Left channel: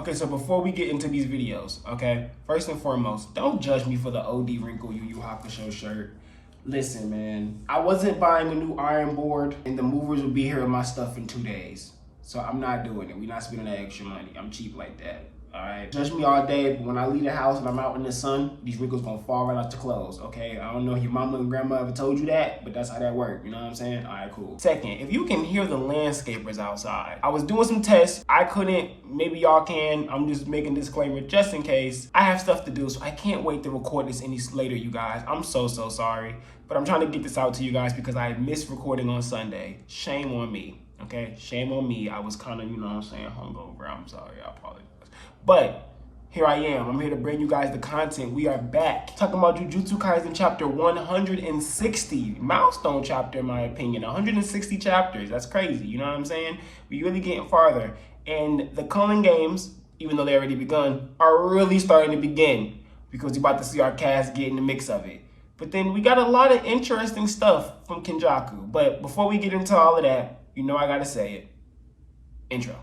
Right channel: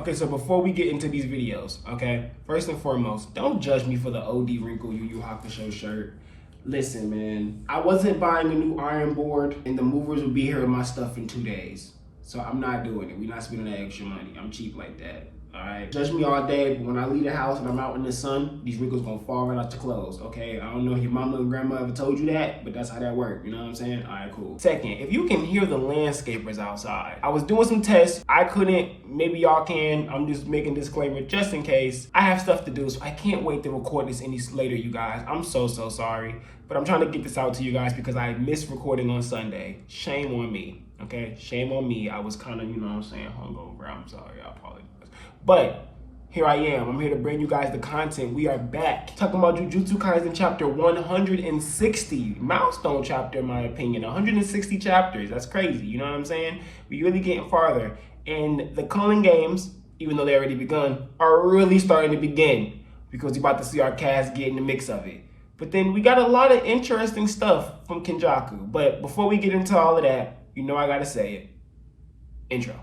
Okay, so before we get into these videos, okay, first and foremost, don't judge me for the OD wrinkle Yu Yu Hakusho shirt. Listen, man, I wasn't buying a new iron board, and the movers will be here with my stuff in 2 days. So I'm not doing it. We're not spending that extra money. I'm cheap like that. All right. Judge me all day, but when I leave the house and I'm out in the sun, these wrinkles gonna fall right out your clothes. Okay. I don't know if your mama and grandma ever told you that, but that's how that works. You know what I'm saying? All right, cool. Second, if you can hear the landscapers outside, I was doing some tests. I couldn't. Maybe y'all can. I'm just making a disclaimer just in case. I have stuff to do, so I can't wait to record this any later, you guys. I'm so sorry, but I'm trying to get this out to you guys because I missed recording on Sunday. Shame on me. Okay, shame on me. I was kind of, you know what I'm saying, hungover. I'm sorry, I apologize. But here I am. I'm here to bring you guys the content. We are back talking about Jujutsu Kaisen chapter 160. Milestone chapter, in my opinion. 160 chapters. That's crazy. You know what I'm saying? We really getting farther. And the Culling games, even though they already begun, are really starting to begin because you're about to see our cast get in the mix of it. But then we got a lot of interesting stuff from Kenjaku. But before we get into all of that, you know I gotta say it. Intro.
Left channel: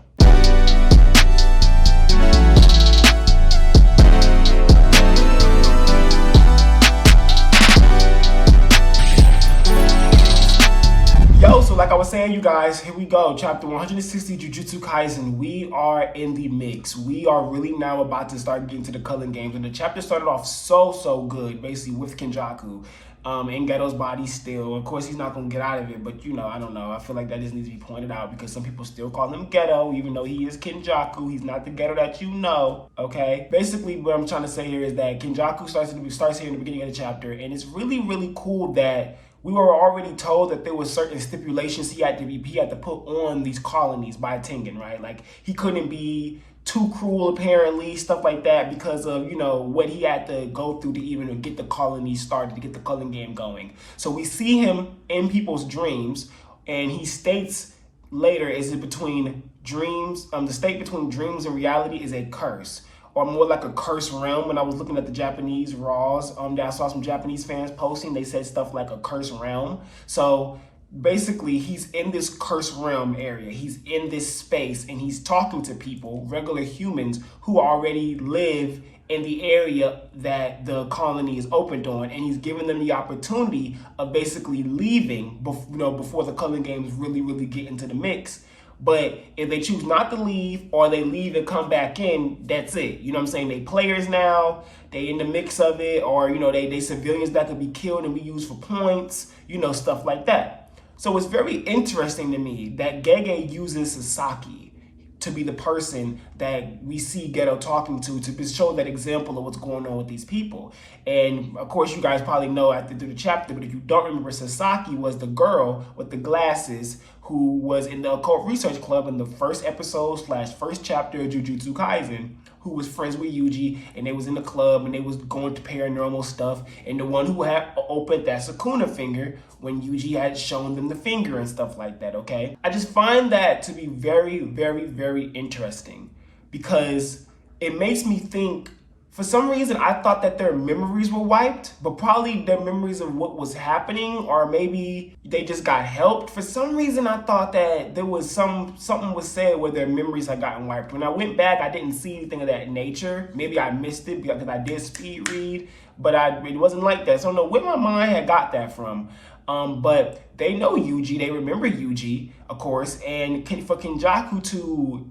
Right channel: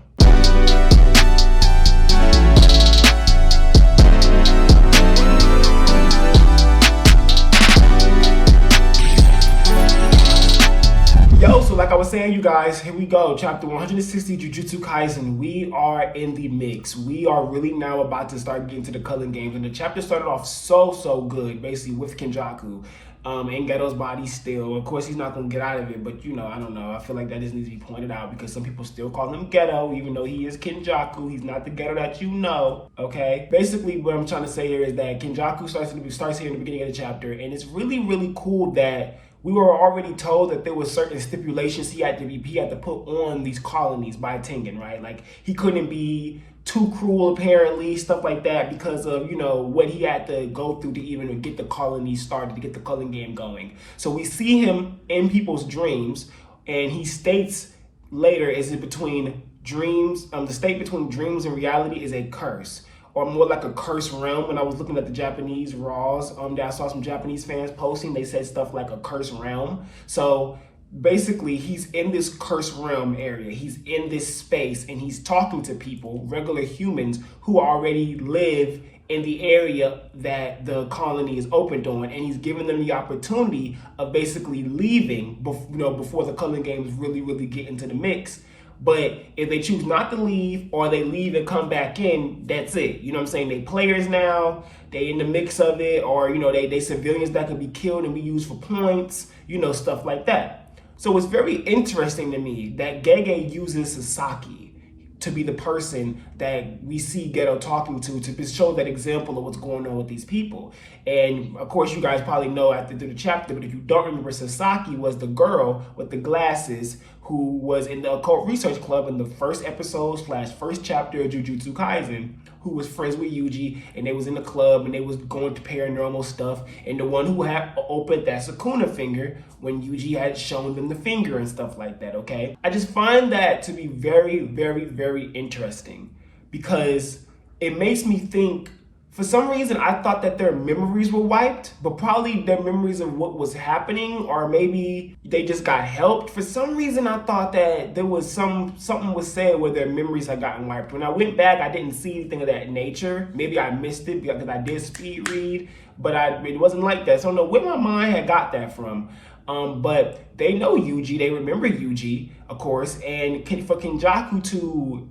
Yo, so like I was saying, you guys, here we go. Chapter 160, Jujutsu Kaisen. We are in the mix. We are really now about to start getting to the Culling games. And the chapter started off so good, basically, with Kenjaku. In Geto's body still. Of course, he's not going to get out of it, but, you know, I don't know. I feel like that just needs to be pointed out because some people still call him Geto, even though he is Kenjaku. He's not the Geto that you know, okay? Basically, what I'm trying to say here is that Kenjaku starts here in the beginning of the chapter, and it's really cool that we were already told that there were certain stipulations he had to put on these colonies by Tengen, right? Like, he couldn't be too cruel, apparently, stuff like that, because of, you know, what he had to go through to even get the colony started, to get the Culling game going. So we see him in people's dreams, and he states later, is it between dreams, the state between dreams and reality is a curse, or more like a cursed realm. When I was looking at the Japanese Raws, I saw some Japanese fans posting, they said stuff like a cursed realm. So basically, he's in this cursed realm area. He's in this space, and he's talking to people, regular humans, who already live in the area that the colony is opened on, and he's giving them the opportunity of basically leaving, before the Culling games really get into the mix. But if they choose not to leave, or they leave and come back in, that's it. You know what I'm saying? They players now, they in the mix of it, or, you know, they civilians that could be killed and be used for points, you know, stuff like that. So it's very interesting to me that Gege uses Sasaki to be the person that we see Geto talking to show that example of what's going on with these people. And of course, you guys probably know after the chapter, but if you don't remember, Sasaki was the girl with the glasses who was in the Occult Research Club in the first episode / first chapter of Jujutsu Kaisen, who was friends with Yuji, and they was in the club, and they was going to paranormal stuff, and the one who had opened that Sukuna finger when Yuji had shown them the finger and stuff like that, okay? I just find that to be very interesting because it makes me think, for some reason, I thought that their memories were wiped, but probably their memories of what was happening, or maybe they just got helped. For some reason, I thought that there was something was said where their memories had gotten wiped. When I went back, I didn't see anything of that nature. Maybe I missed it because I did speed read, but it wasn't like that. So I don't know where my mind had got that from. But they know Yuji, they remember Yuji, of course, and for Kenjaku to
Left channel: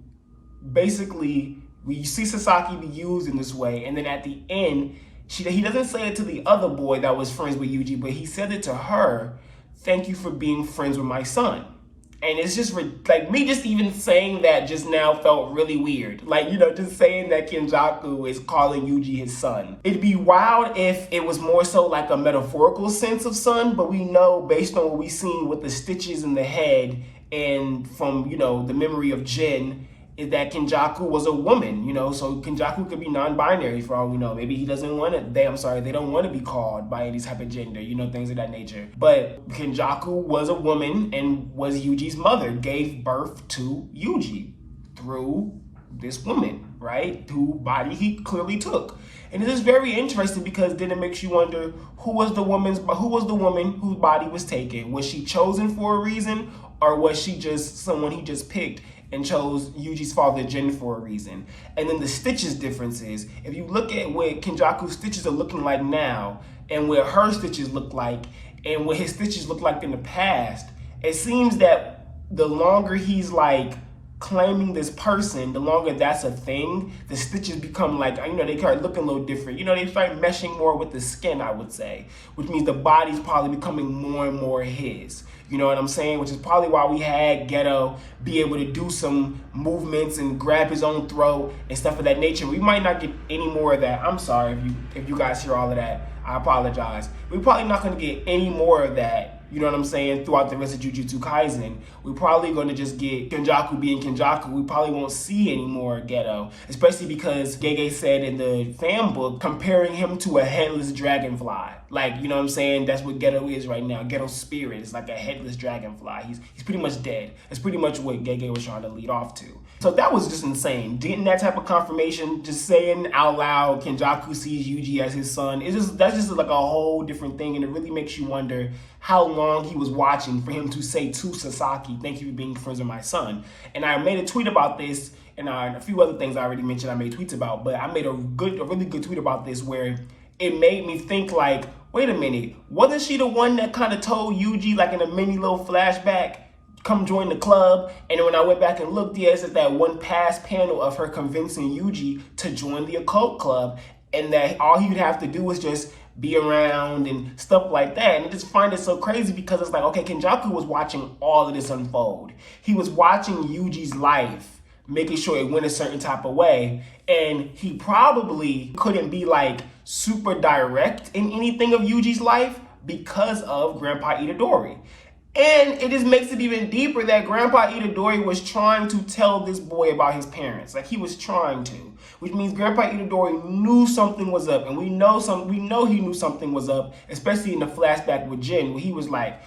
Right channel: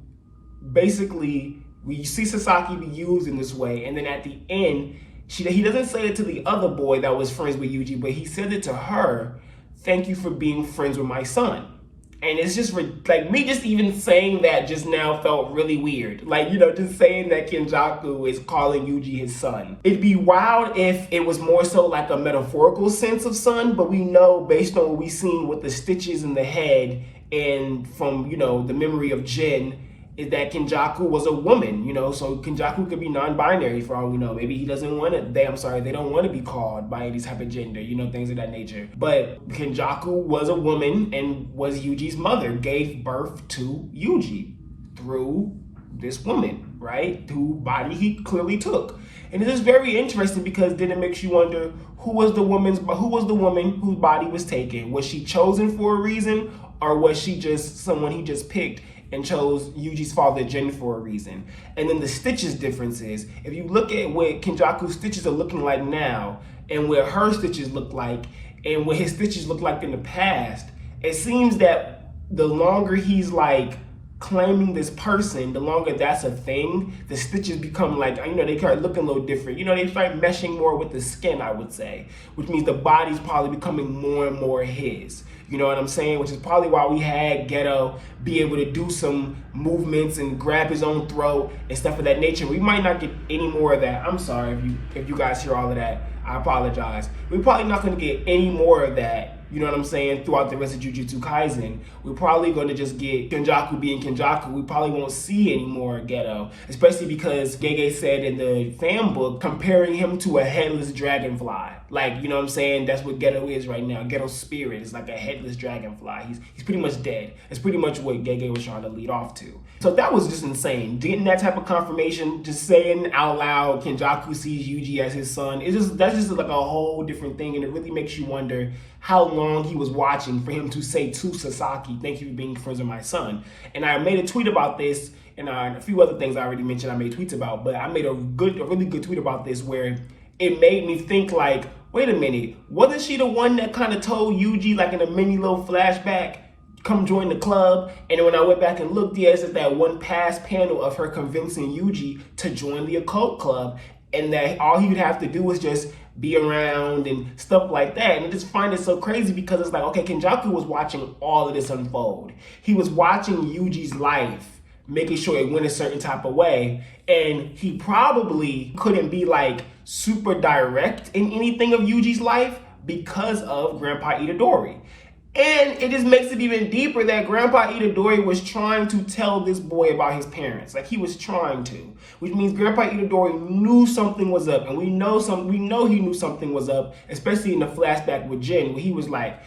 basically, we see Sasaki be used in this way, and then at the end, he doesn't say it to the other boy that was friends with Yuji, but he said it to her, thank you for being friends with my son. And it's just like, me just even saying that just now felt really weird. Like, you know, just saying that Kenjaku is calling Yuji his son. It'd be wild if it was more so like a metaphorical sense of son, but we know based on what we've seen with the stitches in the head and from, you know, the memory of Jin, is that Kenjaku was a woman, you know, so Kenjaku could be non-binary for all we know. Maybe he doesn't want to, they don't want to be called by any type of gender, you know, things of that nature. But Kenjaku was a woman and was Yuji's mother, gave birth to Yuji through this woman, right? Whose body he clearly took. And it is very interesting because then it makes you wonder, who was the woman whose body was taken? Was she chosen for a reason, or was she just someone he just picked and chose Yuji's father Jin for a reason. And then the stitches differences. If you look at what Kenjaku's stitches are looking like now, and what her stitches look like, and what his stitches look like in the past, it seems that the longer he's like claiming this person, the longer that's a thing, the stitches become like, they start looking a little different. They start meshing more with the skin, I would say, which means the body's probably becoming more and more his. You know what I'm saying? Which is probably why we had Geto be able to do some movements and grab his own throat and stuff of that nature. We might not get any more of that. I'm sorry if you guys hear all of that. I apologize. We're probably not going to get any more of that, you know what I'm saying, throughout the rest of Jujutsu Kaisen. We're probably going to just get Kenjaku being Kenjaku. We probably won't see any more Geto, especially because Gege said in the fan book, comparing him to a headless dragonfly. Like, you know what I'm saying? That's what Geto is right now. Geto's spirit is like a headless dragonfly. He's pretty much dead. It's pretty much what Gege was trying to lead off to. So that was just insane. Getting that type of confirmation, just saying out loud, Kenjaku sees Yuji as his son, that's just like a whole different thing, and it really makes you wonder how long he was watching for him to say to Sasaki, "Thank you for being friends with my son." And I made a tweet about this, and a few other things I already mentioned I made tweets about, but I made a really good tweet about this where it made me think like, wait a minute, wasn't she the one that kind of told Yuji, like in a mini little flashback, come join the club? And then when I went back and looked, it's just that one past panel of her convincing Yuji to join the Occult Club, and that all he would have to do was just be around and stuff like that. And I just find it so crazy because it's like, okay, Kenjaku was watching all of this unfold. He was watching Yuji's life, making sure it went a certain type of way, and he probably couldn't be like super direct in anything of Yuji's life because of Grandpa Itadori. And it just makes it even deeper that Grandpa Itadori was trying to tell this boy about his parents. Like, he was trying to, which means Grandpa Itadori knew something was up, and we know he knew something was up, especially in the flashback with Jin, where he was like,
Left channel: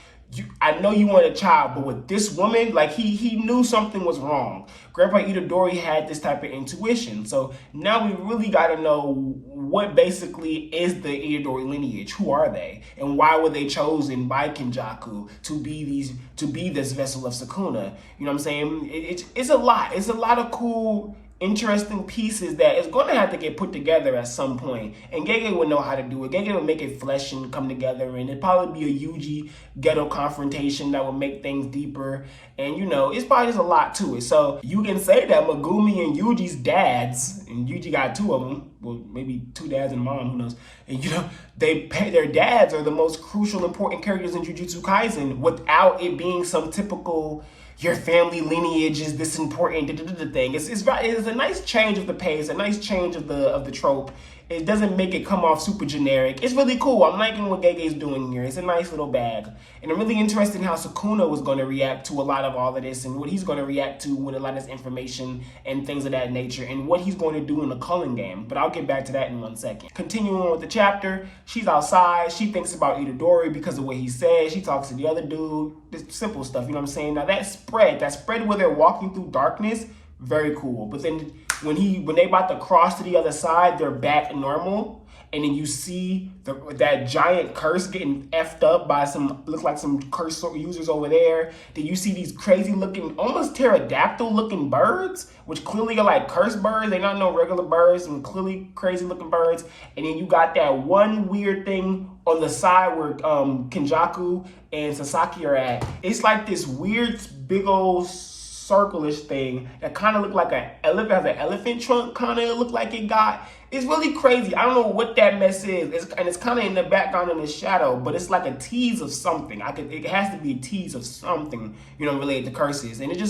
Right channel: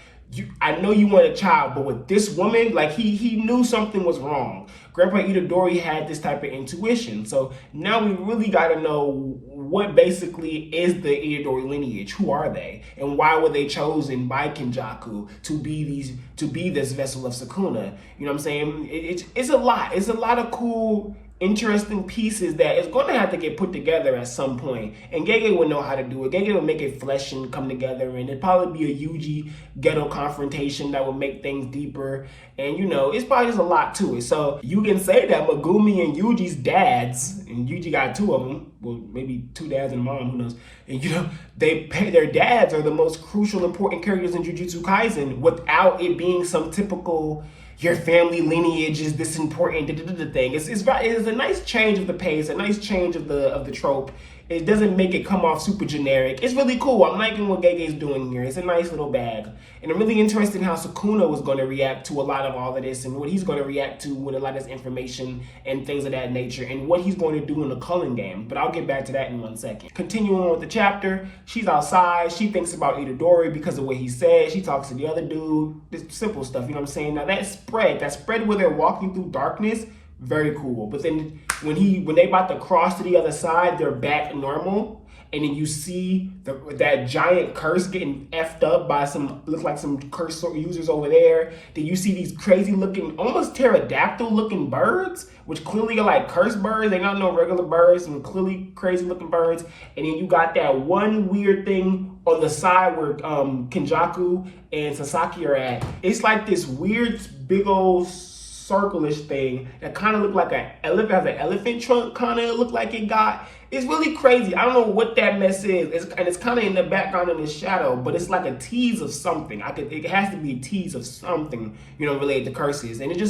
I know you want a child, but with this woman, like he knew something was wrong. Grandpa Itadori had this type of intuition. So now we really got to know what basically is the Itadori lineage. Who are they? And why were they chosen by Kenjaku to be this vessel of Sukuna? You know what I'm saying? It's a lot. It's a lot of cool, interesting pieces that is going to have to get put together at some point. And Gege would know how to do it. Gege would make it flesh and come together, and it'd probably be a Yuji Geto confrontation that would make things deeper. And it's probably just a lot to it. So you can say that Megumi and Yuji's dads, and Yuji got two of them, well, maybe two dads and a mom, who knows, and their dads are the most crucial, important characters in Jujutsu Kaisen without it being some typical your family lineage is this important thing. It's a nice change of the pace, a nice change of the trope. It doesn't make it come off super generic. It's really cool. I'm liking what Gege's doing here. It's a nice little bag. And I'm really interested in how Sukuna was going to react to a lot of all of this, and what he's going to react to with a lot of this information and things of that nature, and what he's going to do in the Culling game. But I'll get back to that in 1 second. Continuing on with the chapter, she's outside. She thinks about Itadori because of what he said. She talks to the other dude. This simple stuff, you know what I'm saying? Now that spread where they're walking through darkness, very cool. But then when they about to cross to the other side, they're back normal, and then you see that giant curse getting effed up by look like some curse users over there. Then you see these crazy looking, almost pterodactyl looking birds, which clearly are like curse birds. They're not no regular birds, and clearly crazy looking birds. And then you got that one weird thing on the side where Kenjaku and Sasaki are at. It's like this weird big old circle-ish thing that kind of looked like an elephant, has an elephant trunk kind of look like it got. It's really crazy. I don't know what that mess is. It's kind of in the background in the shadow, but it's like a tease of something. It has to be a tease of something, related to curses. And it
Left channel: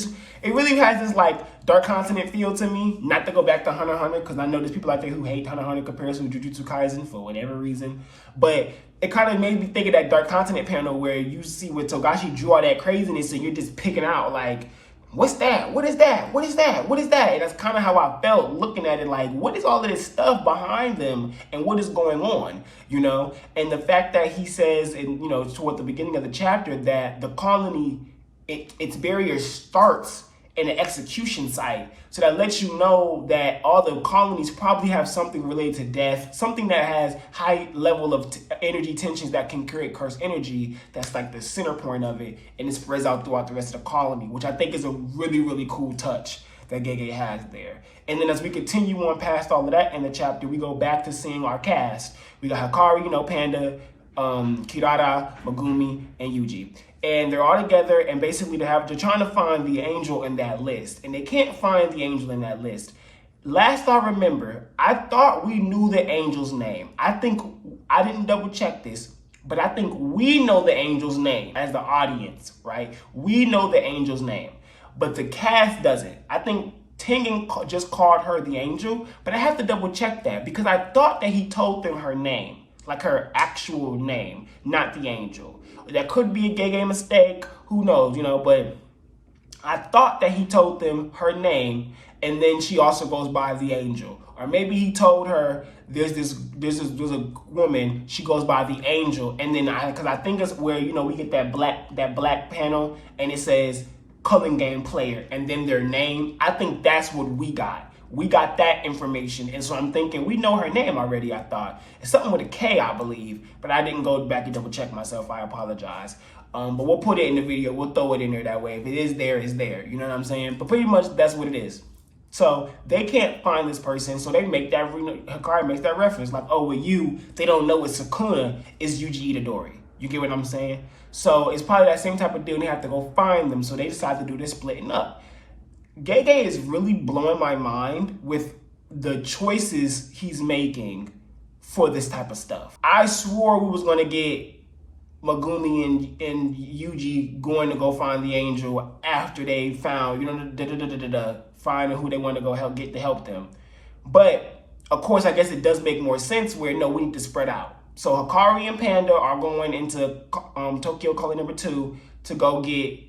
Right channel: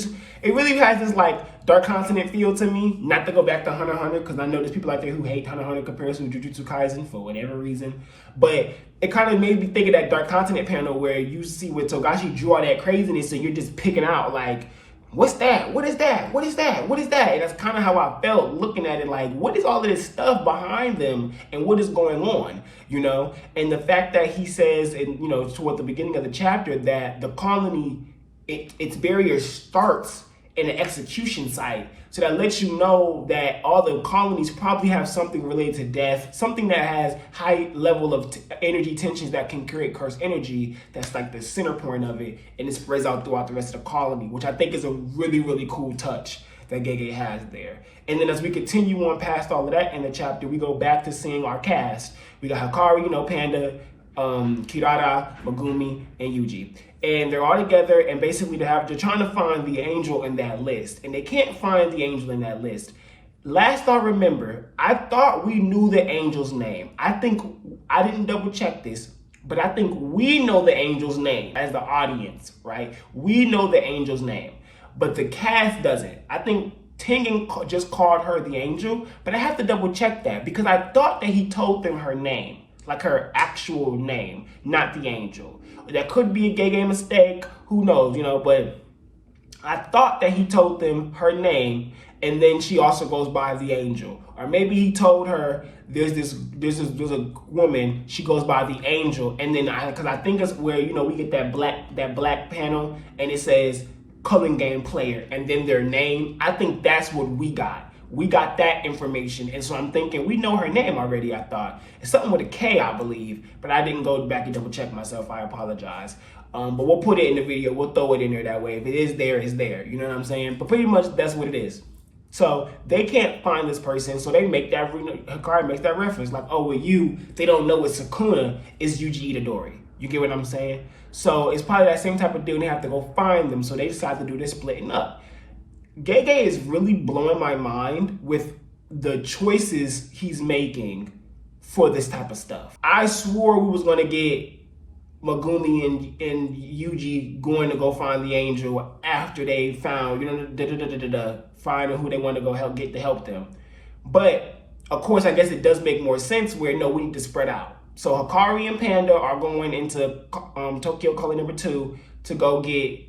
really has this like Dark Continent feel to me. Not to go back to Hunter x Hunter, because I know there's people out there who hate Hunter x Hunter comparison to Jujutsu Kaisen for whatever reason. But it kind of made me think of that Dark Continent panel where you see where Togashi drew all that craziness, and you're just picking out like, what's that? What is that? What is that? What is that? And that's kind of how I felt looking at it, like, what is all of this stuff behind them and what is going on, And the fact that he says, toward the beginning of the chapter, that the colony, its barrier starts in an execution site. So that lets you know that all the colonies probably have something related to death, something that has high level of energy tensions that can create cursed energy. That's like the center point of it, and it spreads out throughout the rest of the colony, which I think is a really, really cool touch that Gege has there. And then as we continue on past all of that in the chapter, we go back to seeing our cast. We got Hikari, Panda, Kirara, Megumi, and Yuji. And they're all together, and basically they're trying to find the angel in that list. And they can't find the angel in that list. Last I remember, I thought we knew the angel's name. I didn't double check this, but I think we know the angel's name as the audience, right? We know the angel's name, but the cast doesn't. I think Tengen just called her the angel, but I have to double check that because I thought that he told them her name, like her actual name, not the angel. That could be a Gege mistake, who knows, but I thought that he told them her name, and then she also goes by the angel. Or maybe he told her there's a woman, she goes by the angel, and then because I think it's where we get that black panel and it says Culling game player and then their name. I think that's what we got. We got that information, and so I'm thinking we know her name already. I thought it's something with a K, I believe, but I didn't go back and double check myself. I apologize. But we'll put it in the video. We'll throw it in there that way. If it is there, it's there. You know what I'm saying? But pretty much that's what it is. So they can't find this person, so they make that. Hikari makes that reference, like, oh, with you, they don't know it's Sukuna, it's Yuji Itadori. You get what I'm saying? So it's probably that same type of deal. They have to go find them, so they decide to do this splitting up. Gege is really blowing my mind with the choices he's making for this type of stuff. I swore we was going to get Megumi and Yuji going to go find the angel after they found, finding who they want to go help them. But, of course, I guess it does make more sense where, no, we need to spread out. So Hikari and Panda are going into Tokyo Calling number 2 to go get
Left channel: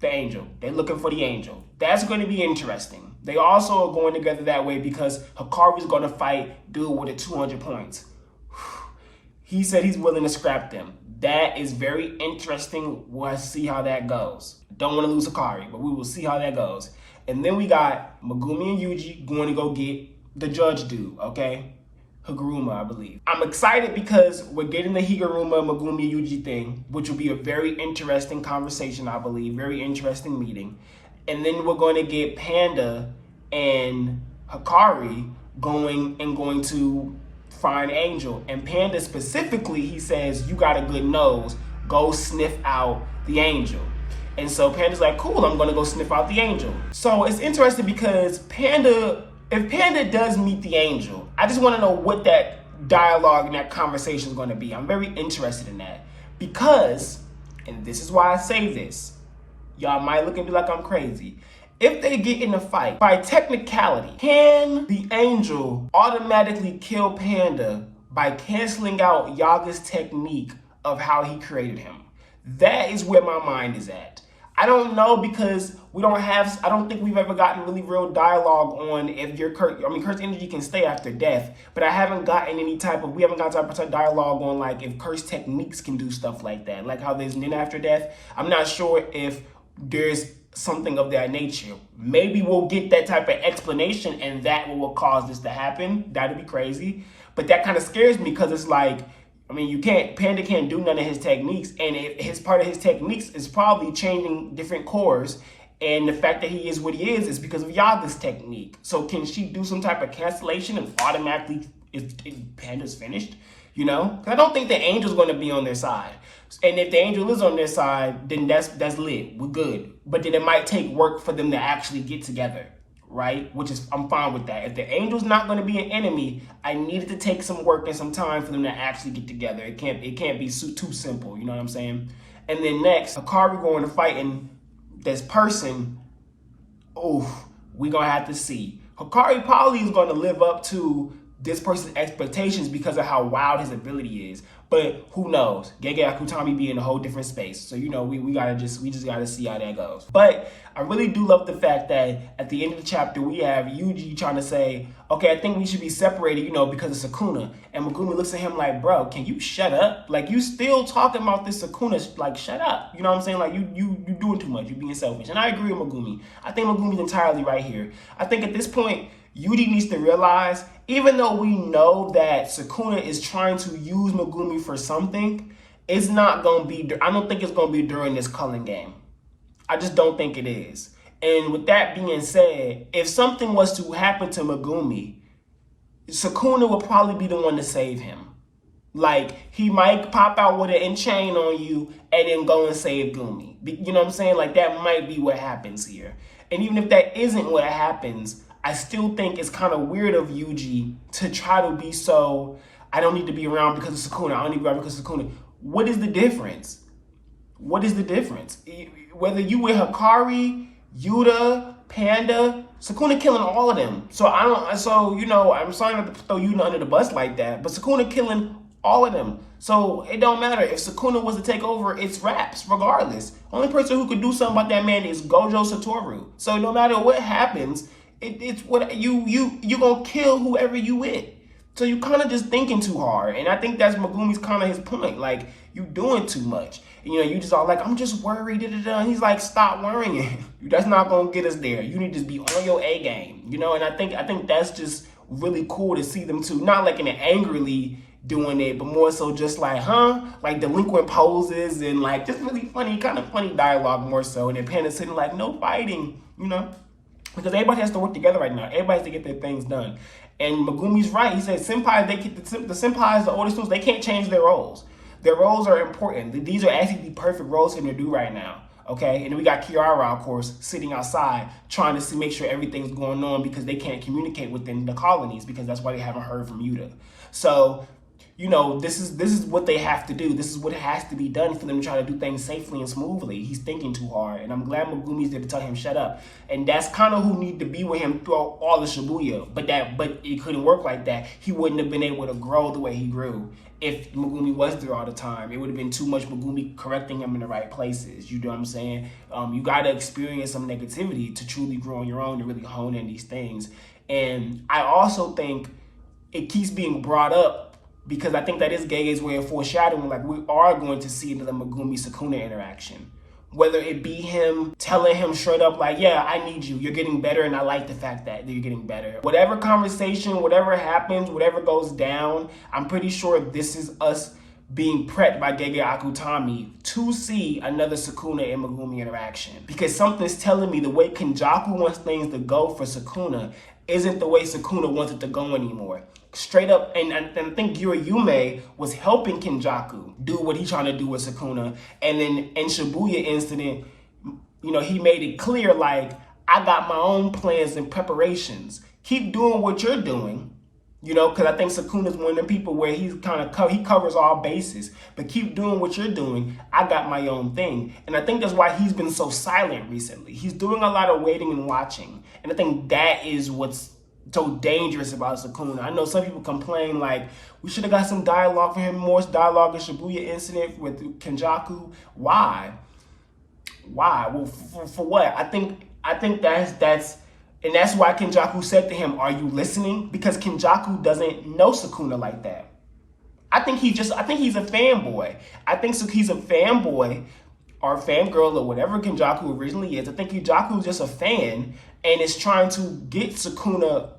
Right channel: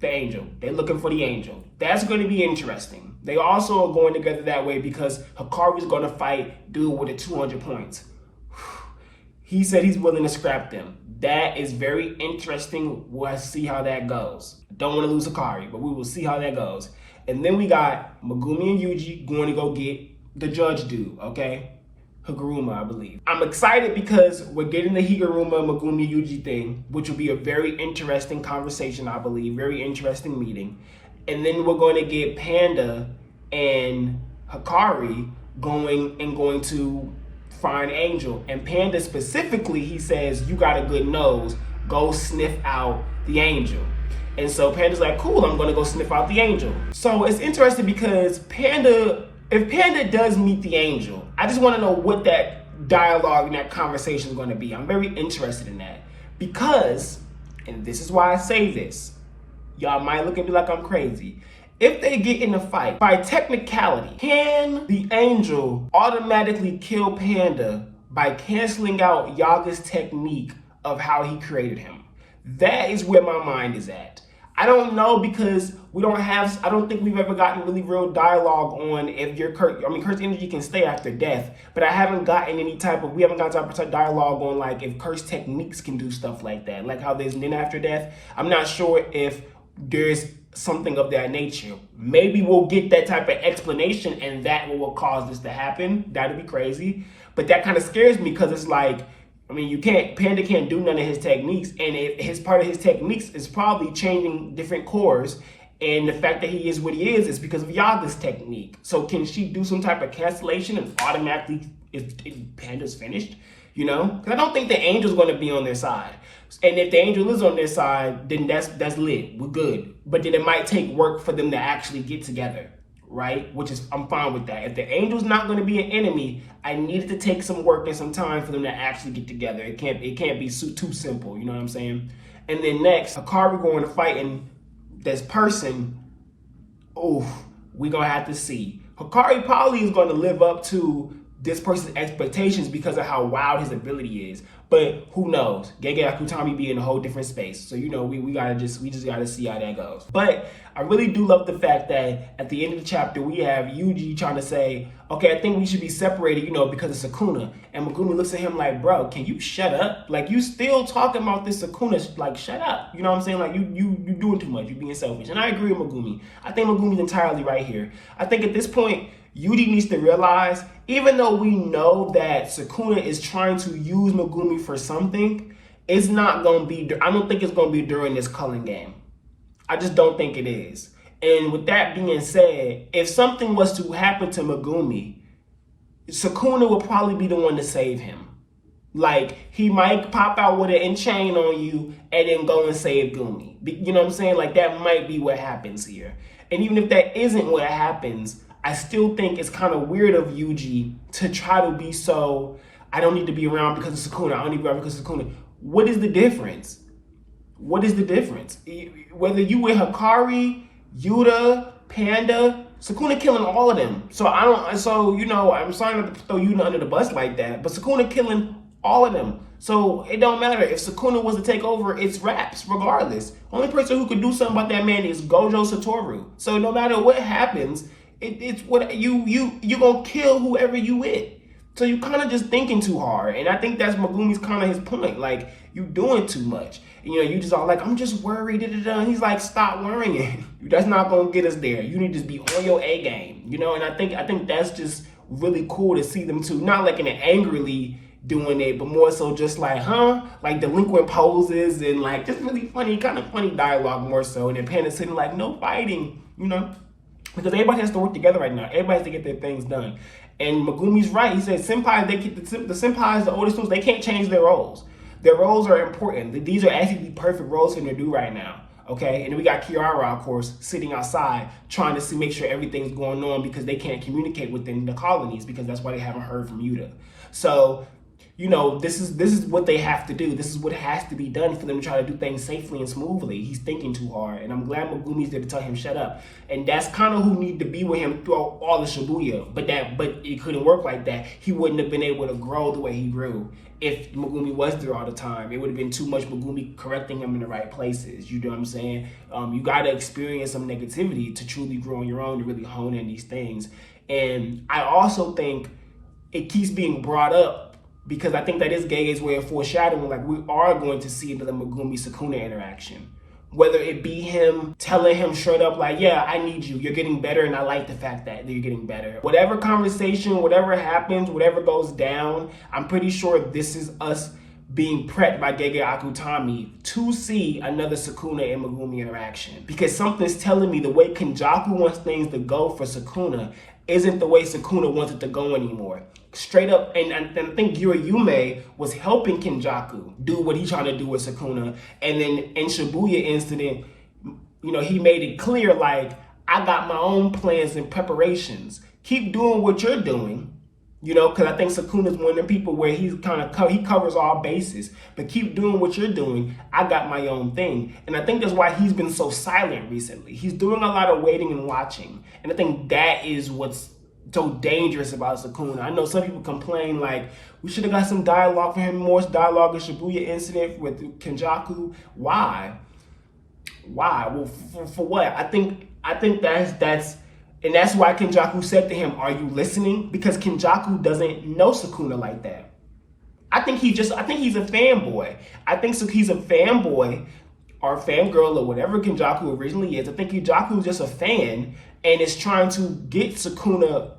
the angel. They're looking for the angel. That's going to be interesting. They also are going together that way because Hikari's going to fight dude with a 200 points. He said he's willing to scrap them. That is very interesting. We'll see how that goes. Don't want to lose Hikari, but we will see how that goes. And then we got Megumi and Yuji going to go get the judge dude, okay? Higuruma, I believe. I'm excited because we're getting the Higuruma Megumi Yuji thing, which will be a very interesting conversation, I believe. Very interesting meeting. And then we're going to get Panda and Hikari going to find Angel. And Panda specifically, he says, you got a good nose. Go sniff out the angel. And so Panda's like, cool, I'm going to go sniff out the angel. So it's interesting because if Panda does meet the angel, I just want to know what that dialogue and that conversation is going to be. I'm very interested in that because, and this is why I say this, y'all might look at me like I'm crazy. If they get in a fight, by technicality, can the angel automatically kill Panda by canceling out Yaga's technique of how he created him? That is where my mind is at. I don't know because I don't think we've ever gotten really real dialogue on if your cursed energy can stay after death, but we haven't gotten type of dialogue on like if cursed techniques can do stuff like that, like how there's Nin after death. I'm not sure if there's something of that nature. Maybe we'll get that type of explanation and that will cause this to happen. That'd be crazy. But that kind of scares me because it's like, Panda can't do none of his techniques, and part of his techniques is probably changing different cores, and the fact that he is what he is because of Yaga's technique. So can she do some type of cancellation and automatically, if Panda's finished, Because I don't think the angel's going to be on their side. And if the angel is on their side, then that's lit. We're good. But then it might take work for them to actually get together. Right? I'm fine with that. If the angel's not going to be an enemy, I needed to take some work and some time for them to actually get together. It can't be too simple. You know what I'm saying? And then next, Hikari going to fight in this person. Oh, we're going to have to see. Hikari probably is going to live up to this person's expectations because of how wild his ability is. But who knows? Gege Akutami be in a whole different space. So, we just gotta see how that goes. But I really do love the fact that at the end of the chapter, we have Yuji trying to say, okay, I think we should be separated, because of Sukuna. And Megumi looks at him like, bro, can you shut up? Like, you still talking about this Sukuna, like, shut up. You know what I'm saying? Like, you doing too much. You being selfish. And I agree with Megumi. I think Megumi's entirely right here. I think at this point, Yuji needs to realize, even though we know that Sukuna is trying to use Megumi for something, it's not going to be, I don't think it's going to be during this Culling game. I just don't think it is. And with that being said, if something was to happen to Megumi, Sukuna will probably be the one to save him. Like, he might pop out with an enchain on you and then go and save Gumi. You know what I'm saying? Like, that might be what happens here. And even if that isn't what happens, I still think it's kind of weird of Yuji to try to be so, I don't need to be around because of Sukuna. I don't need to be around because of Sukuna. What is the difference? What is the difference? Whether you with Hikari, Yuta, Panda, Sukuna killing all of them. I'm sorry not to throw Yuta under the bus like that, but Sukuna killing all of them. So it don't matter. If Sukuna was to take over, it's raps regardless. Only person who could do something about that man is Gojo Satoru. So no matter what happens, it's what you gonna kill whoever you with. So you kind of just thinking too hard. And I think that's Megumi's kind of his point. Like, you doing too much. You just all like, I'm just worried. And he's like, stop worrying. That's not going to get us there. You need to be on your A game. And I think that's just really cool to see them too. Not like in an angrily doing it, but more so just like, like delinquent poses and like just really funny, kind of funny dialogue more so. And then Panda sitting like, no fighting, because everybody has to work together right now. Everybody has to get their things done. And Megumi's right. He said, senpai, the senpais, the older students, they can't change their roles. Their roles are important. These are actually the perfect roles for them to do right now. Okay, and then we got Kiara, of course, sitting outside trying to make sure everything's going on because they can't communicate within the colonies because that's why they haven't heard from Yuta. So, this is what they have to do. This is what has to be done for them to try to do things safely and smoothly. He's thinking too hard, and I'm glad Megumi's there to tell him shut up. And that's kind of who need to be with him throughout all of Shibuya. But it couldn't work like that. He wouldn't have been able to grow the way he grew if Megumi was there all the time. It would have been too much Megumi correcting him in the right places. You know what I'm saying? You got to experience some negativity to truly grow on your own, to really hone in these things. And I also think it keeps being brought up because I think that is Gege's way of foreshadowing, like we are going to see the Megumi-Sukuna interaction. Whether it be him telling him straight up like, yeah, I need you, you're getting better, and I like the fact that you're getting better. Whatever conversation, whatever happens, whatever goes down, I'm pretty sure this is us being prepped by Gege Akutami to see another Sukuna and Megumi interaction. Because something's telling me the way Kenjaku wants things to go for Sukuna isn't the way Sukuna wants it to go anymore. Straight up, and I think Yume was helping Kenjaku do what he's trying to do with Sukuna. And then in Shibuya incident, he made it clear, like, I got my own plans and preparations. Keep doing what you're doing, because I think Sukuna's one of the people where he's he covers all bases. But keep doing what you're doing. I got my own thing. And I think that's why he's been so silent recently. He's doing a lot of waiting and watching. And I think that is what's so dangerous about Sukuna. I know some people complain like we should have got some dialogue for him, more dialogue in Shibuya incident with Kenjaku. Why? Well, for what? I think that's and that's why Kenjaku said to him, "Are you listening?" Because Kenjaku doesn't know Sukuna like that. I think he's a fanboy. I think he's a fanboy or fangirl or whatever Kenjaku originally is. I think Kenjaku is just a fan and is trying to get Sukuna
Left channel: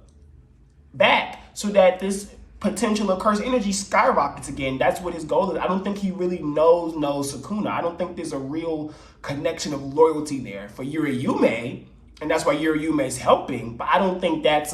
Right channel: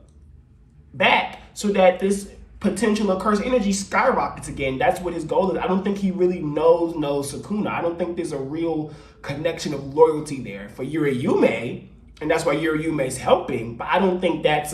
back so that this potential of cursed energy skyrockets again. That's what his goal is. I don't think he really knows Sukuna. I don't think there's a real connection of loyalty there for Yume, and that's why Yume's helping. But I don't think that's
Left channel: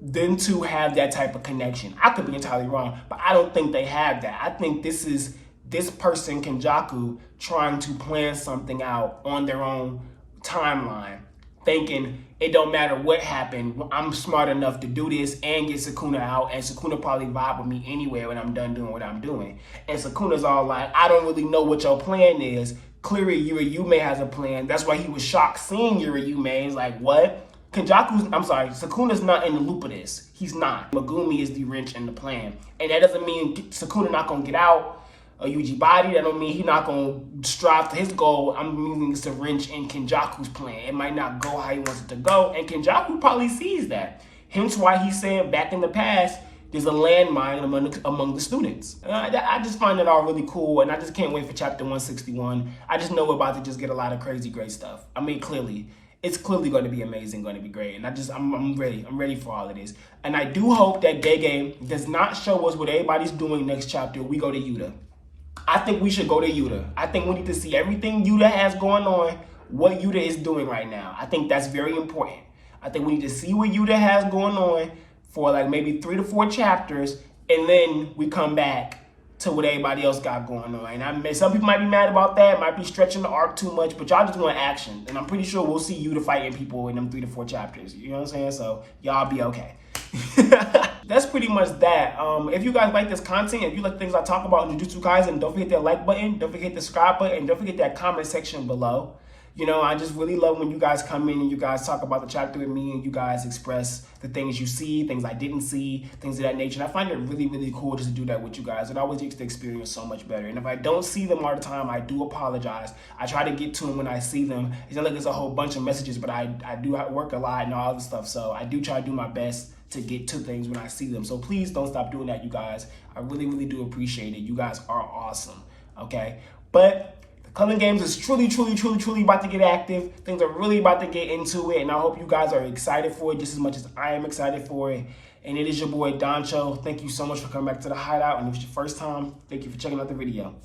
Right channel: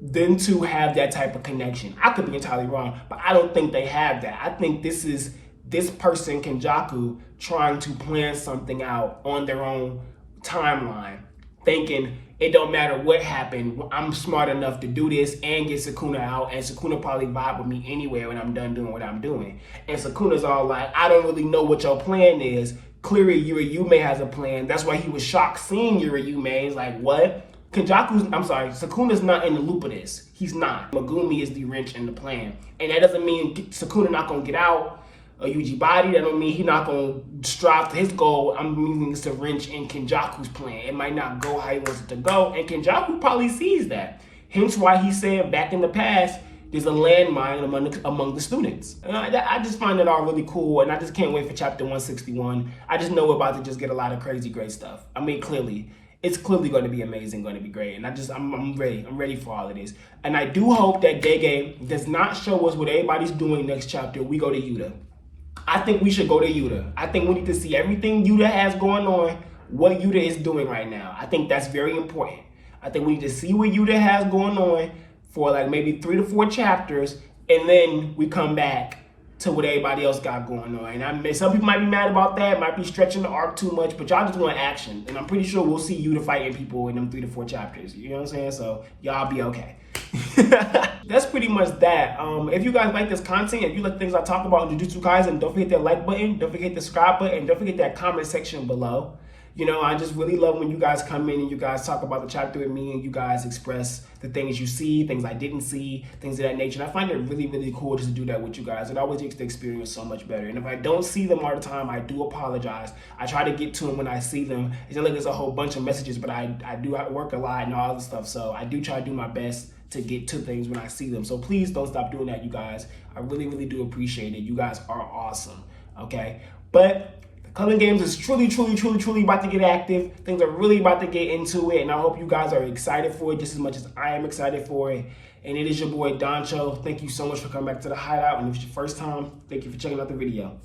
them two have that type of connection. I could be entirely wrong, but I don't think they have that. I think this is this person, Kenjaku, trying to plan something out on their own timeline, thinking it don't matter what happened, I'm smart enough to do this and get Sukuna out, and Sukuna probably vibe with me anyway when I'm done doing what I'm doing. And Sukuna's all like, I don't really know what your plan is. Clearly, Yume has a plan. That's why he was shocked seeing Yume. He's like, what? Sukuna's not in the loop of this. He's not. Megumi is the wrench in the plan. And that doesn't mean Sukuna not gonna get out a Yuji body. That don't mean he's not gonna strive to his goal. I'm meaning it's a wrench in Kenjaku's plan. It might not go how he wants it to go, and Kenjaku probably sees that. Hence why he said back in the past, there's a landmine among the students. And I just find that all really cool, and I just can't wait for chapter 161. I just know we're about to just get a lot of crazy great stuff. I mean, clearly. It's clearly going to be amazing, going to be great. And I'm ready. I'm ready for all of this. And I do hope that Gege does not show us what everybody's doing next chapter. We go to Yuta. I think we should go to Yuta. I think we need to see everything Yuta has going on, what Yuta is doing right now. I think that's very important. I think we need to see what Yuta has going on for like maybe 3 to 4 chapters, and then we come back to what everybody else got going on. And some people might be mad about that, might be stretching the arc too much, but y'all just want action. And I'm pretty sure we'll see Yuta fighting people in them 3 to 4 chapters. You know what I'm saying? So y'all be okay. That's pretty much that. If you guys like this content, if you like things I talk about in Jujutsu Kaisen, don't forget that like button, don't forget the subscribe button, don't forget that comment section below. You know, I just really love when you guys come in and you guys talk about the chapter with me and you guys express the things you see, things I didn't see, things of that nature. And I find it really, really cool just to do that with you guys. It always makes the experience so much better. And if I don't see them all the time, I do apologize. I try to get to them when I see them. It's not like there's a whole bunch of messages, but I do work a lot and all this stuff. So I do try to do my best to get to things when I see them. So please don't stop doing that, you guys. I really, really do appreciate it. You guys are awesome, okay? But Culling Games is truly about to get active. Things are really about to get into it, and I hope you guys are excited for it just as much as I am excited for it. And it is your boy, Doncho. Thank you so much for coming back to the Hideout, and if it's your first time, thank you for checking out the video.